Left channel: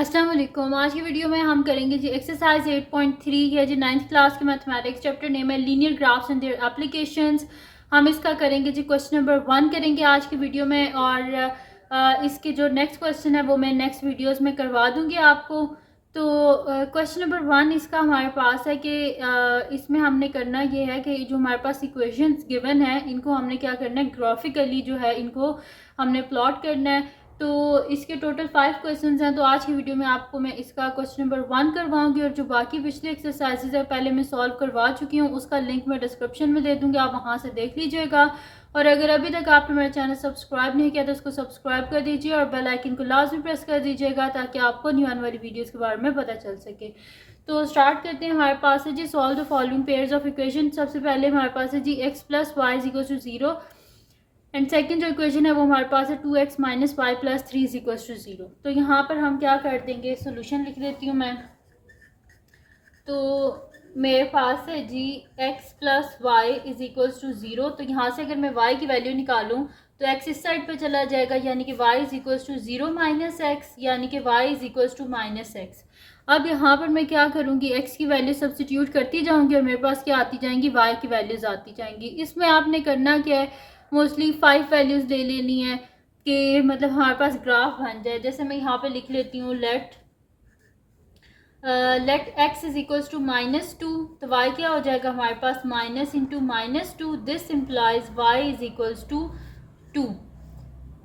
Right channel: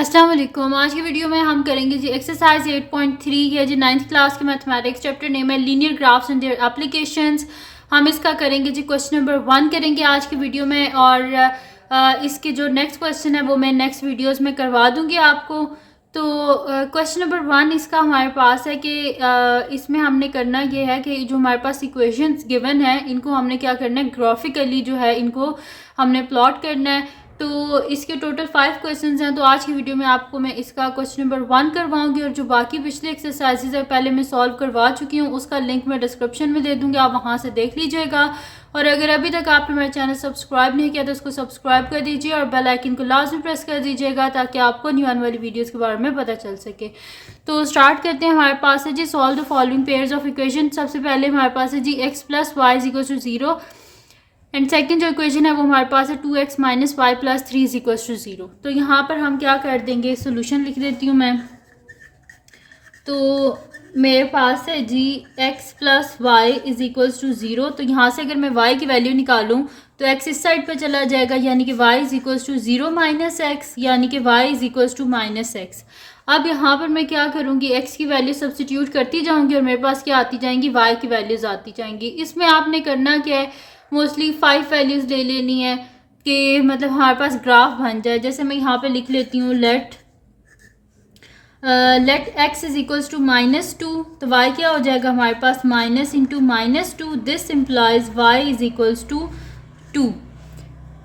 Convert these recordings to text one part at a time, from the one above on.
अस्सलाम वालेकुम। आज की वीडियो में हम करेंगे जी एक्सरसाइज 8.3 है जी 9th क्लास के मैथमेटिक्स। चैप्टर नेम है linear graphs and their applications. हम इसका करेंगे जी क्वेश्चन नंबर 1 करेंगे आज की वीडियो में, और इसके जो नेक्स्ट क्वेश्चन है वो मैं नेक्स्ट वीडियोस में करवा दूंगी आपको। तो क्वेश्चन नंबर 1 इसका हमारे पास है कि इसमें हमने करना ये है कि जो हमारे पास इक्वेशंस गिवन है इनको हमने क्या करना है, ग्राफिकली जो है इनको हमने प्लॉट करना है। तो इसके टोटल 5 क्वेश्चंस हैं। तो आज की वीडियो में आपको मैं इसका क्वेश्चन नंबर 1 करवाऊंगी, और जो बाकी पिछले एक्सरसाइजेज है पहले मैं सॉल्व करवा चुकी हूँ, उसका लिंक मैं डिस्क्रिप्शन में दे दूँगी, आप वहाँ से देख लीजिएगा। और अगर अभी तक आपने मेरा चैनल सब्सक्राइब नहीं किया तो उसको सब्सक्राइब कर दीजिए और बेल आइकन को लाजमी प्रेस कर दीजिएगा ताकि आपको न्यू आने वाली वीडियोज़ के बारे में पता चल सके। तो स्टार्ट करते हैं। हमारे पास है जी solve the following pairs of equation. सबसे पहले हमारे पास है जी x plus Y is equal to 0, and second जो इक्वेशन है वो हमारे पास है 2x minus Y plus 3 is equal to 0। तो यहाँ पर हम क्या कर देंगे, सोल्यूशन लिख देती हूँ मैं। तो मेरे पास है जी x plus Y is equals to 0। तो यहाँ से अगर मैं y की वैल्यू निकालूँ तो x इस साइड पर चला जाएगा, यानी कि y is equals to 0 minus x, यानी कि y is equals to minus x. अब यहाँ पर मैं क्या करूँगी, x की वैल्यू सब्सटीट्यूट करती जाऊँगी और मेरे पास क्या आती जाएंगी, y की वैल्यूज़ आती जाएंगी। इसमें आपने करना क्या है, मोस्टली 5 वैल्यूज़ ले लेनी है कि मतलब हमारे पास ग्राफ बन जाए। जैसे मैं यहाँ पे लिख लेती हूँ let x is equals to -2, तो y क्या हो जाएगा हमारे पास, minus into -2, this implies y is equals to 2।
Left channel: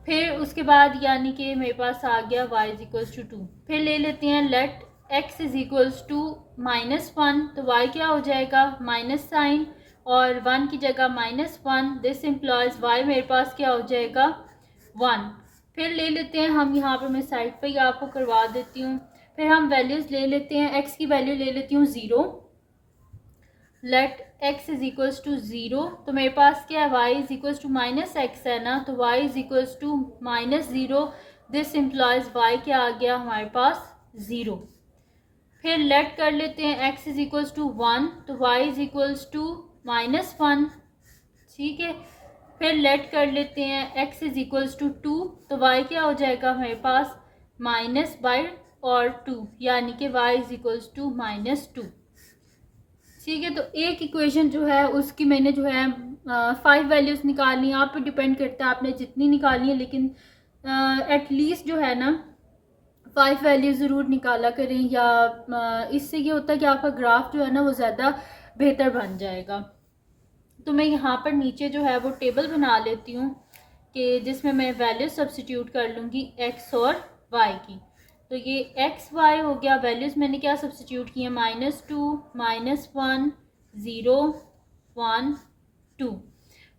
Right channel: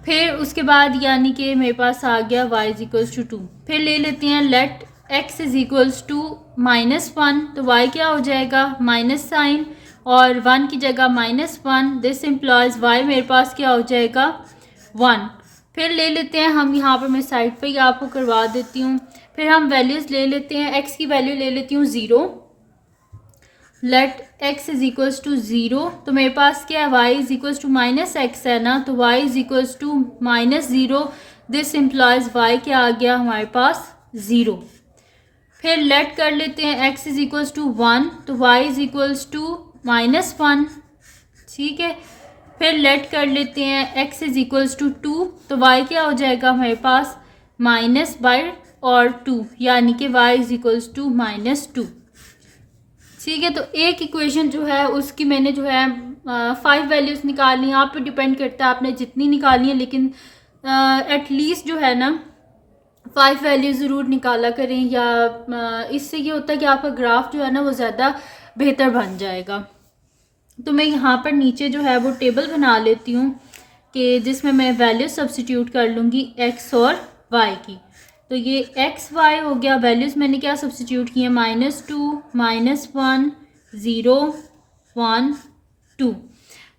फिर उसके बाद यानी कि मेरे पास आ गया y इज इक्वल्स टू 2। फिर ले लेते हैं let x is equals to -1, तो y क्या हो जाएगा, माइनस साइन और 1 की जगह -1, दिस इम्प्लाइज y मेरे पास क्या हो जाएगा 1। फिर ले लेते हैं हम, यहाँ पर मैं साइड पे ही आपको करवा देती हूँ। फिर हम वैल्यूज़ ले लेते हैं, x की वैल्यू ले लेती हूँ 0, let x is equals to 0, तो मेरे पास क्या है y is equals to minus x है ना, तो y is equals to -0, this implies y क्या आ गया हमारे पास 0। फिर लेट कर लेते हैं x इज इक्वल्स टू 1, तो y इज इक्वल्स टू -1, ठीक है। फिर लेट कर लेते हैं x इज इक्वल्स टू 2, तो y क्या हो जाएगा हमारे पास माइनस बाई और 2, यानी कि y इज इक्वल्स टू -2, ठीक है। तो एक इक्वेशन जो है उसकी मैंने जो है 5 वैल्यूज़ निकालनी है। आप पे डिपेंड करता है आपने जितनी निकालनी है, लेकिन एटलीस्ट जो है ना 5 वैल्यू ज़रूर निकाला करें, या इससे ये होता है कि आपका ग्राफ जो है ना वो ज़्यादा बेहतर बन जाएगा। तो मैं यहाँ पर नीचे जो है वो टेबल बना लेती हूँ कि जिसमें मैं वैल्यू सब्स्टिट्यूट कर लूँगी x और y की। तो ये x y हो गया, वैल्यूज़ मैंने क्या सब्स्टिट्यूट किए, -2, -1, 0, 1, 2।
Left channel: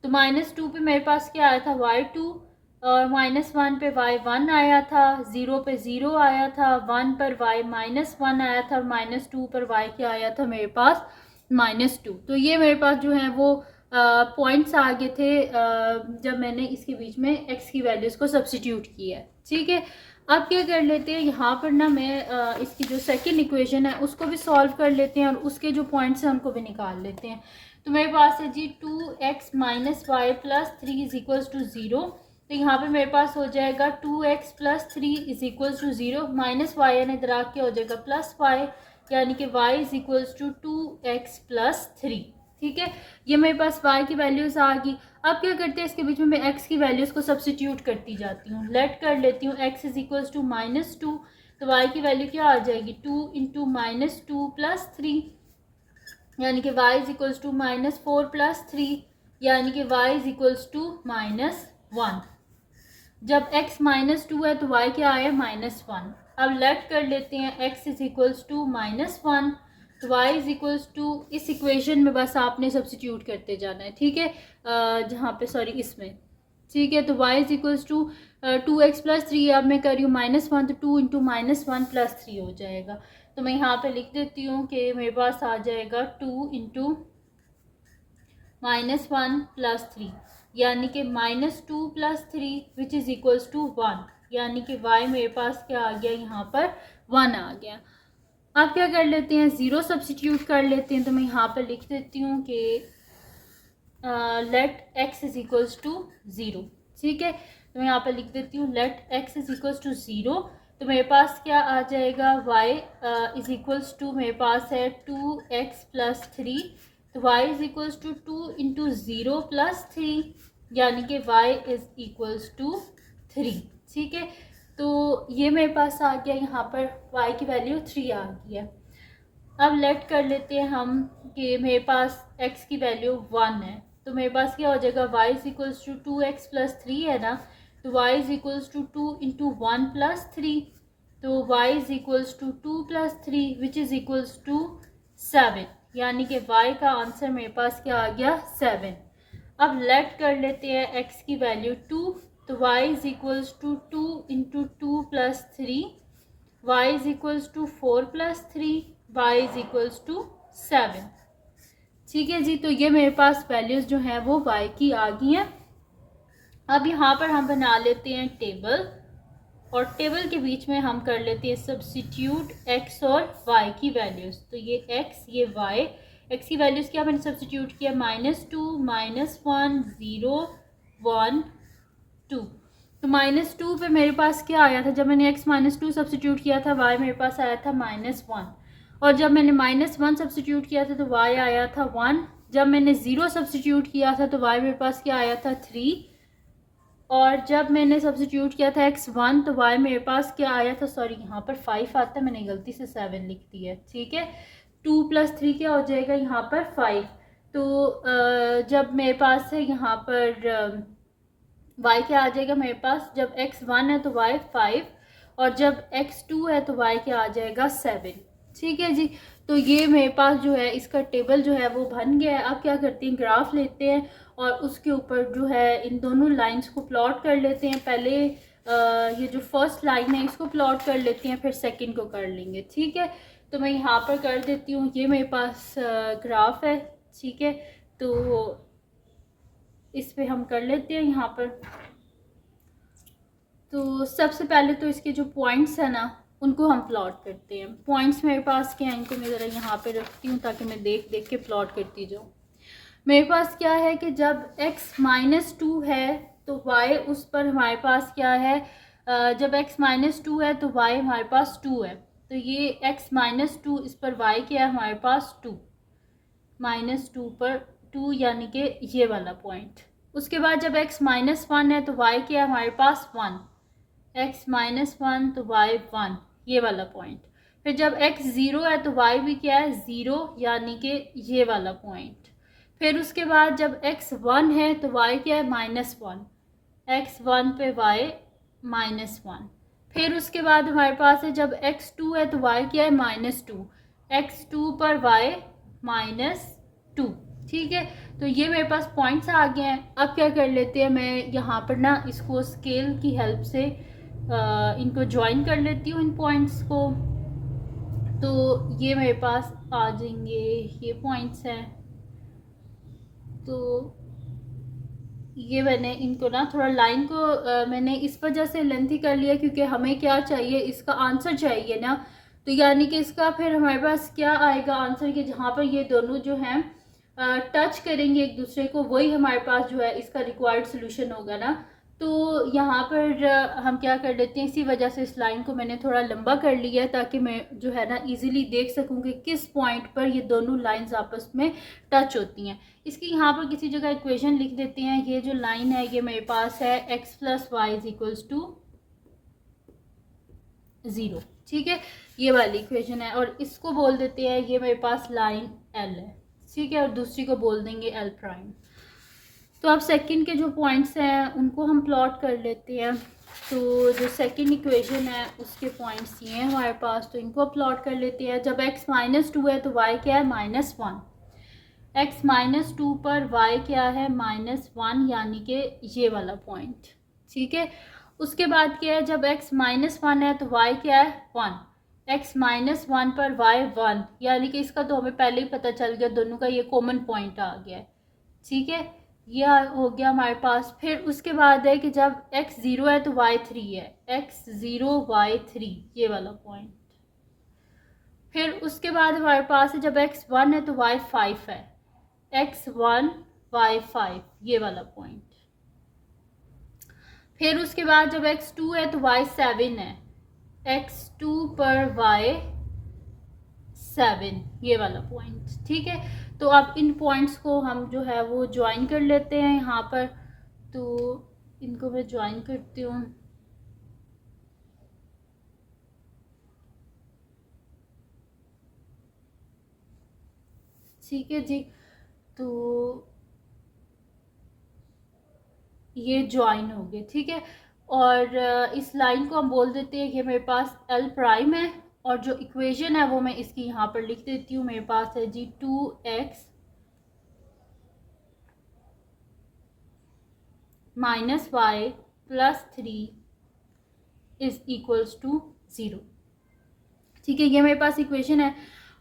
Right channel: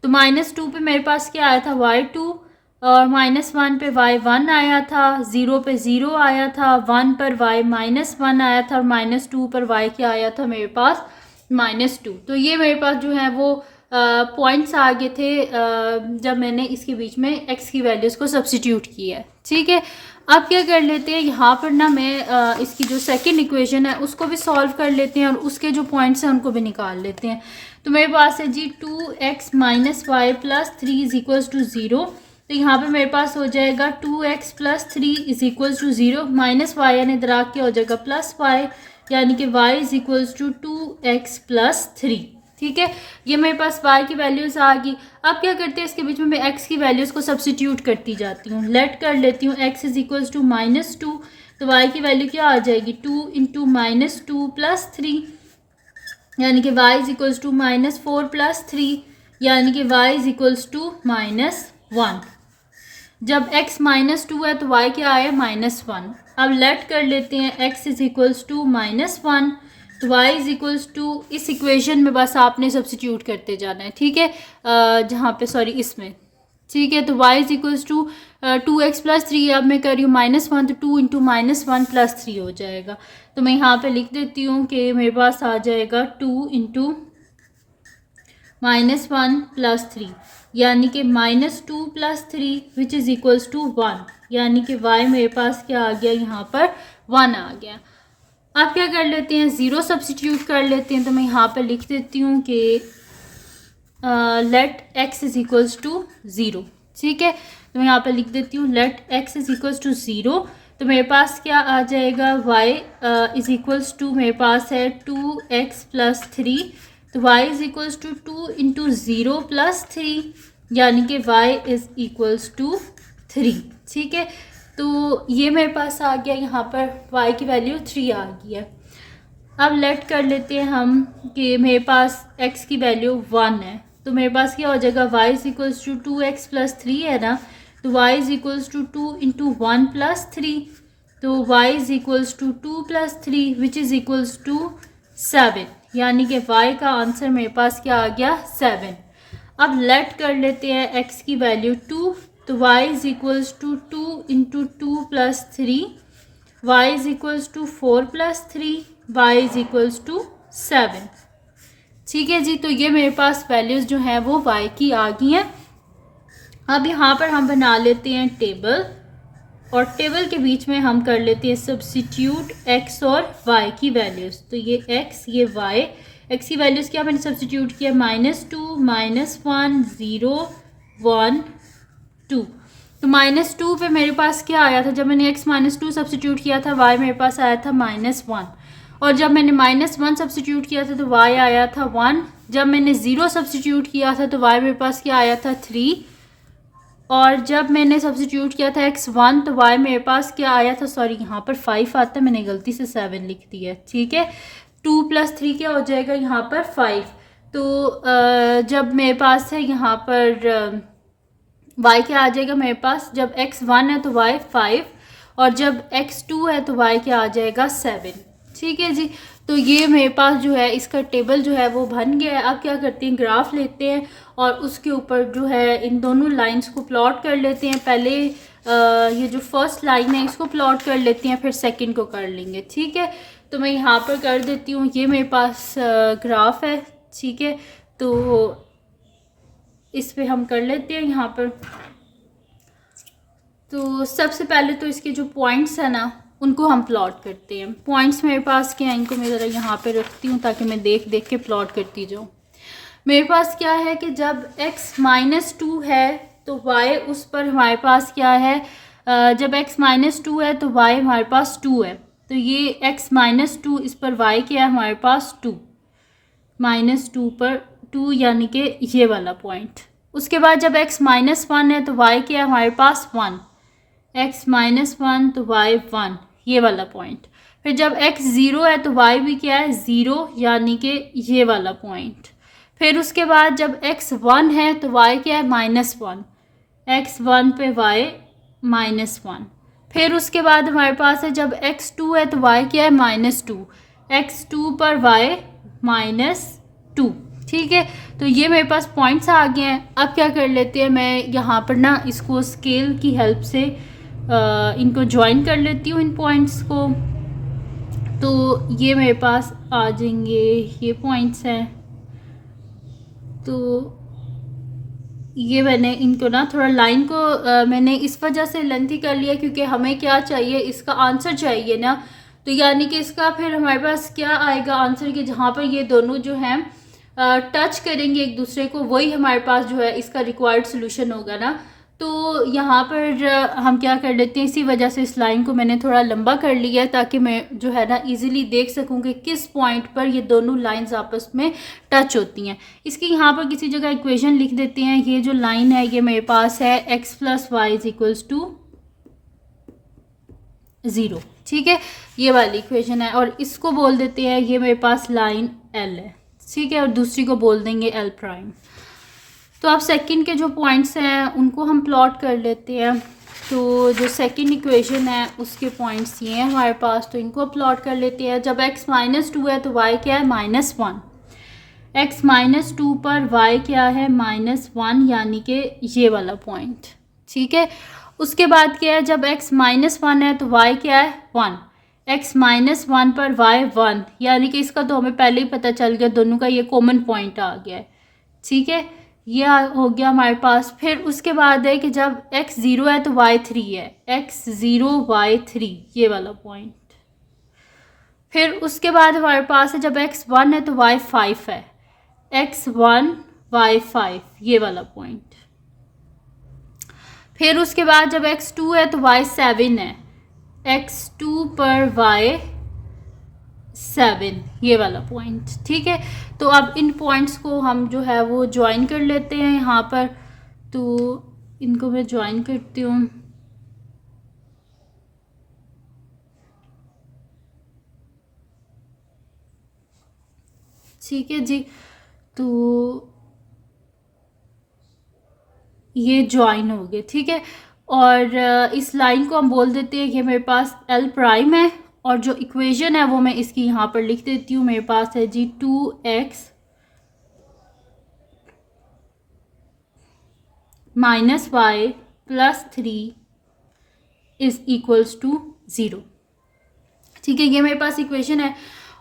तो -2 पे मेरे पास क्या आया था y2, और -1 पे y1 आया था, 0 पे 0 आया था, 1 पर y -1 आया था, और -2 पर y क्या आया था मेरे पास -2। तो ये मेरे पास जो है वो पॉइंट्स आ गए थे जब मैंने इसके बीच में x की वैल्यूज़ को सब्स्टिट्यूट किया है, ठीक है। अब क्या कर लेते हैं, यहाँ पर ना मैं इसकी जो सेकंड इक्वेशन है उसको भी सॉल्व कर लेते हैं और उसके जो पॉइंट्स हैं उनको भी निकाल लेते हैं। तो मेरे पास है जी 2x minus Y plus 3 is equals to 0। तो यहाँ पर मेरे पास हो जाएगा 2x plus 3 is equals to 0, minus y यानी दराग क्या हो जाएगा प्लस वाई, यानी कि y is equals to 2x plus 3, ठीक है। ये मेरे पास y की वैल्यूज़ आ गई। अब क्या करते हैं, इसके बीच में मैं x की वैल्यूज़ को सब्स्टिट्यूट करती जाती हूँ। लेट कर लेती हूँ x इज इक्वल्स टू -2, तो y की वैल्यू क्या आ जाएगी 2 इंटू -2 प्लस 3, यानी कि y is equals to -4 plus 3, यानी कि y इज इक्वल्स टू -1। जब x -2 है तो y क्या आया -1। अब लेट कर लेते हैं x इज इक्वल्स टू -1, तो y इज इक्वल्स टू, इस इक्वेशन में बस आपने सब्स्टिट्यूट करते जाना है, ठीक है। जहाँ पे सॉरी इसमें, ठीक है। तो y is equals to 2x plus 3, अब मैं कर रही हूँ -1, तो 2 इंटू -1 प्लस 3 हो जाएगा। तो मैं यहाँ पे लिख देती हूँ कि मेरे पास आ जाएगा 2 इंटू -1 प्लस 3, यानी कि -2 plus 3 which is equals to 1, यानी कि y मेरे पास क्या आ गया, यहाँ पर 1 आ गया। अब क्या कर लेते हैं, 0 सब्स्टिट्यूट कर लेते हैं। तो मैं यहाँ पर लिख देती हूँ कि let x is equals to 0, ठीक है। तो मैं यहाँ पर लिख देती हूँ let x is equals to 0। तो मेरे पास क्या आ जाएगा, y इज़ इक्वल्स टू मेरे पास है 2x प्लस 3, तो y is equals to 2 into 0 plus 3, यानी कि y इज़ इक्वल्स टू 3। ठीक है, तो ये मेरे पास आ गया, यहाँ पर y की वैल्यू 3 आ गई है। अब लेट कर लेते हैं हम कि मेरे पास x की वैल्यू 1 है, तो मेरे पास क्या हो जाएगा, y is equals to 2x plus 3 है ना, तो y is equals to 2 into 1 plus 3, तो y is equals to 2 plus 3 which is equals to 7, यानी कि y का आंसर मेरे पास क्या आ गया, 7। अब लेट कर लेते हैं x की वैल्यू 2, तो y is equals to 2 into 2 plus 3, y is equals to 4 plus 3, y is equals to 7। ठीक है जी, तो ये मेरे पास वैल्यूज़ जो हैं वो y की आ गई हैं। अब यहाँ पर हम बना लेते हैं टेबल, और टेबल के बीच में हम कर लेते हैं सब्सिट्यूट x और y की वैल्यूज़। तो ये x, ये y, x की वैल्यूज़ क्या मैंने सब्सिट्यूट किया, -2, -1, 0, 1, 2। तो -2 पे मेरे पास क्या आया था, जब मैंने x -2 सब्सिट्यूट किया था, y मेरे पास आया था -1, और जब मैंने -1 सब्सिट्यूट किया था तो y आया था 1, जब मैंने 0 सब्सिट्यूट किया था तो y मेरे पास क्या आया था 3, और जब मैंने सब्सिट्यूट किया था x1 तो y मेरे पास क्या आया था, सॉरी यहाँ पर 5 आता है, मैंने गलती से 7 लिख दिया है। ठीक है, 2 + 3 क्या हो जाएगा यहाँ पर 5, तो जब मेरे पास है यहाँ पर y क्या आ जाएगा मेरे पास, जब x1 है तो y 5, और जब x2 है तो y क्या आ जाएगा 7। ठीक है जी, तो ये मेरे पास जो है इसका टेबल जो है वो बन गया है। अब क्या करते हैं, ग्राफ लेते हैं और उसके ऊपर जो है इन दोनों लाइंस को प्लॉट कर लेते हैं। पहले ये जो फर्स्ट लाइन है इसको प्लॉट कर लेते हैं, फिर सेकंड को कर लेंगे। ठीक है, तो मैं यहाँ पर कर देती हूँ, ये मेरे पास ग्राफ है। ठीक है, तो इस पे हम कर लेते हैं यहाँ पर। तो सबसे पहले तो इसके जो पॉइंट्स हैं ना उनको हम प्लॉट करते हैं। पॉइंट्स मेरे पास क्या हैं, इनको मैं ज़रा यहाँ पे रखती हूँ ताकि मैं देख देख के प्लॉट करती जाऊँ। मेरे पास क्या है कि जब x -2 है तो y उस पर हमारे पास क्या है, जब x -2 है तो y हमारे पास 2 है, तो ये x -2 इस पर y क्या है हमारे पास 2, -2 पर 2 यानी कि ये वाला पॉइंट। उसके बाद जब x -1 है तो y क्या है हमारे पास 1, x -1 तो y 1, ये वाला पॉइंट। फिर जब x 0 है तो y भी क्या है 0, यानी कि ये वाला पॉइंट। फिर उसके बाद जब x 1 है तो y क्या है -1, x 1 पे y -1। फिर उसके बाद हमारे पास है जब x 2 है तो y क्या है -2, x 2 पर y -2। ठीक है, तो ये मेरे पास पॉइंट्स आ गए हैं। अब क्या कर लेते हैं, मैं यहाँ पर ना इसको स्केल की हेल्प से इनको ज्वाइन कर लेती हूँ इन पॉइंट्स को। तो ये मेरे पास आ जाएंगे, ये पॉइंट्स हैं। तो ये मैंने इनको ना थोड़ा लाइन को मैंने इस वजह से लेंथी कर लिया क्योंकि हमें क्या चाहिए, इसका आंसर चाहिए ना। तो यानी कि इसका फिर हमारे पास क्या आएगा आंसर, कि जहाँ पर ये दोनों जो हैं टच करेंगे एक दूसरे को, वही हमारे पास जो है इसका रिक्वायर्ड सोल्यूशन होगा ना। तो यहाँ पर हम क्या कर लेते हैं, इसी वजह से इस लाइन को मैंने थोड़ा लंबा कर लिया है ताकि मैं जो है ना इजीली देख सकूँ कि किस पॉइंट पर ये दोनों लाइंस आपस में टच होती हैं। इसकी यहाँ पर किसी जगह इक्वेशन लिख देते हैं। ये जो लाइन है ये मेरे पास है x + y = 0। ठीक है, ये वाली इक्वेशन है, और इसको बोल देते हैं, ये मेरे पास लाइन L है। ठीक है, और दूसरी को बोल देंगे L'। तो अब सेकंड के जो पॉइंट्स हैं उनको हम प्लॉट कर लेते हैं। तो जो सेकंड इक्वेशन है उसके पॉइंट्स ये हैं हमारे पास, तो इनको प्लॉट कर लेते हैं। जब x -2 है तो y क्या है -1, x -2 पर y क्या है -1, यानी कि ये वाला पॉइंट। ठीक है, उसके बाद क्या है, जब x -1 है तो y क्या है 1, x -1 पर y 1, यानी कि इसका तो हमें पहले ही पता चल गया, दोनों का ये कॉमन पॉइंट आ गया है। ठीक है, ये हो गया हमारे पास। फिर उसके बाद है कि जब x 0 है तो y 3 है, x 0 y 3, ये वाला पॉइंट। फिर उसके बाद हमारे पास है जब x 1 है तो y 5 है, x 1 y 5, ये वाला पॉइंट। फिर उसके बाद जब x 2 है तो y 7 है, x2 पर y7, ये वाला पॉइंट। ठीक है, तो अब इन पॉइंट्स को हम जो है वो ज्वाइन कर लेते हैं यहाँ पर। तो इनको मैं ज्वाइन करती हूँ। ठीक है जी, तो ये ज्वाइन हो गए। ठीक है, और इस लाइन को हम बोल देते हैं कि मेरे पास L प्राइम है, और जो इक्वेशन है वो मैं इसकी यहाँ पर लिख देती हूँ। मेरे पास है जी 2x minus Y plus 3 is equals to 0। ठीक है, ये मेरे पास इक्वेशन है,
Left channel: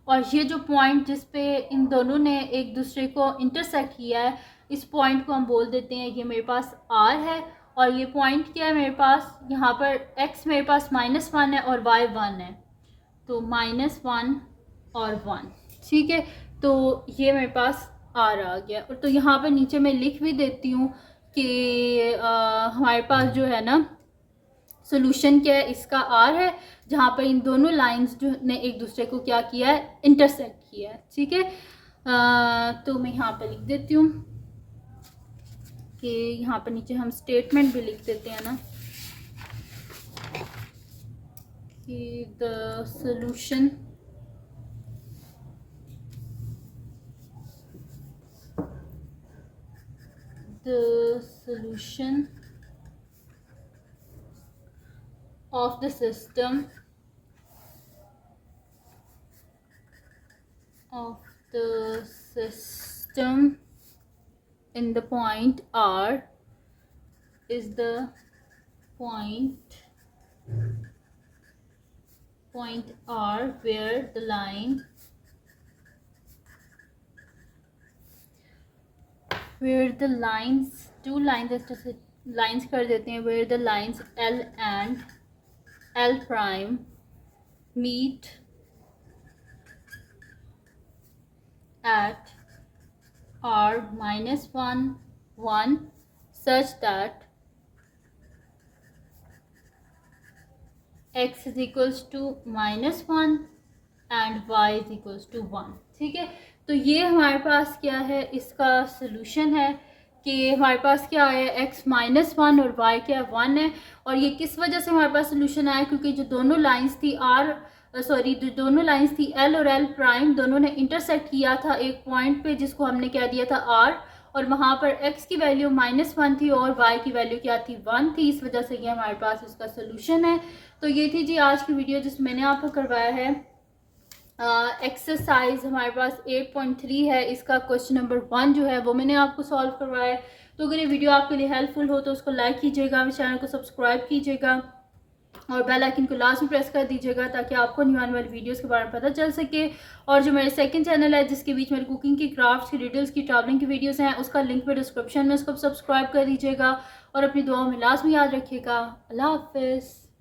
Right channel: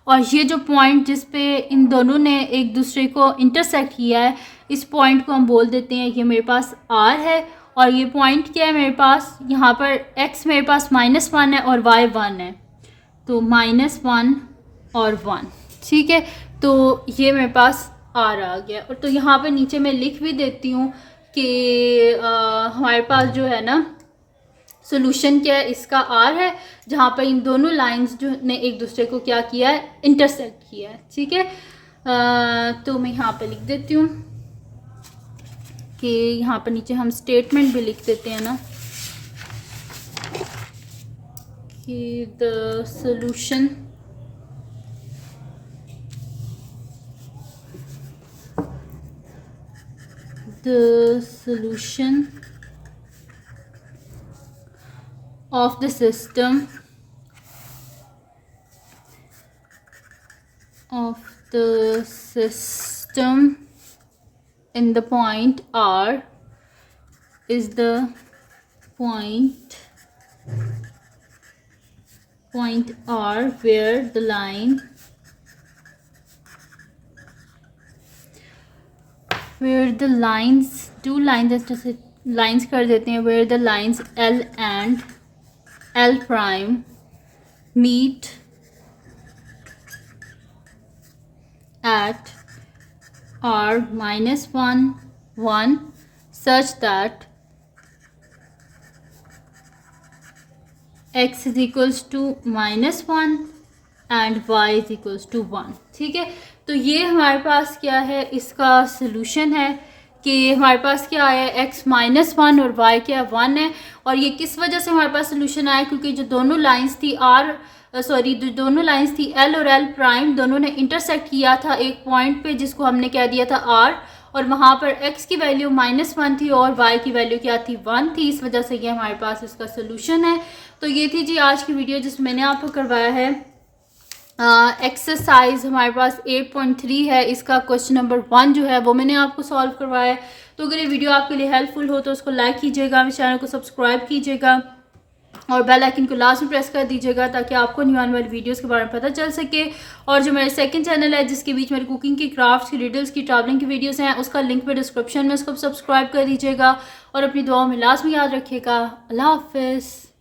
और ये जो पॉइंट जिस पे इन दोनों ने एक दूसरे को इंटरसेक्ट किया है, इस पॉइंट को हम बोल देते हैं कि मेरे पास R है, और ये पॉइंट क्या है मेरे पास, यहाँ पर x मेरे पास -1 है और y 1 है, तो -1 और 1। ठीक है, तो ये मेरे पास R आ गया। और तो यहाँ पर नीचे मैं लिख भी देती हूँ कि हमारे पास जो है ना सोल्यूशन क्या है, इसका R है, जहाँ पर इन दोनों लाइंस जो ने एक दूसरे को क्या किया है, इंटरसेक्ट किया है। ठीक है, तो मैं यहाँ पे लिख देती हूँ कि यहाँ पर नीचे हम स्टेटमेंट भी लिख देते हैं ना कि the solution of the system in the point R is the point R where the line two lines जैसे lines कर देते हैं, where the lines L and L prime meet at R -1 1 such that x is equals to -1 and y is equals to 1। ठीक है, तो ये हमारे पास क्या है, इसका सोल्यूशन है कि हमारे पास क्या आया, x -1 और y क्या 1 है। और ये किस वजह से हमारे पास सोल्यूशन आया, क्योंकि जो दोनों लाइंस थी दोनों लाइंस थी L और L प्राइम, दोनों ने इंटरसेक्ट किया था एक पॉइंट पे जिसको हमने कह दिया था R, और वहाँ पर x की वैल्यू -1 थी और y की वैल्यू क्या थी, 1 थी। इस वजह से ये हमारे पास इसका सोल्यूशन है। तो ये थी जी आज की वीडियो जिसमें मैंने आपको करवाया है एक्सरसाइज हमारे पास 8.3 है, इसका क्वेश्चन नंबर 1 जो है वो मैंने आपको सॉल्व करवाया है। तो अगर ये वीडियो आपके लिए हेल्पफुल हो तो उसको लाइक कीजिएगा, मेरे चैनल को सब्सक्राइब कीजिएगा और बेल आइकन को लास्ट में प्रेस कर दीजिएगा ताकि आपको न्यू आने वाली वीडियोस के बारे में पता चल सके। और जो मेरे सेकंड चैनल है जिसके बीच मेरी कुकिंग की, क्राफ्ट्स की, रिडल्स की, ट्रैवलिंग की वीडियोस हैं, उसका लिंक पे डिस्क्रिप्शन में, उसको सब्सक्राइब कर दीजिएगा और अपनी दुआओं में लाजमी याद रखिएगा। अल्लाह हाफिज़।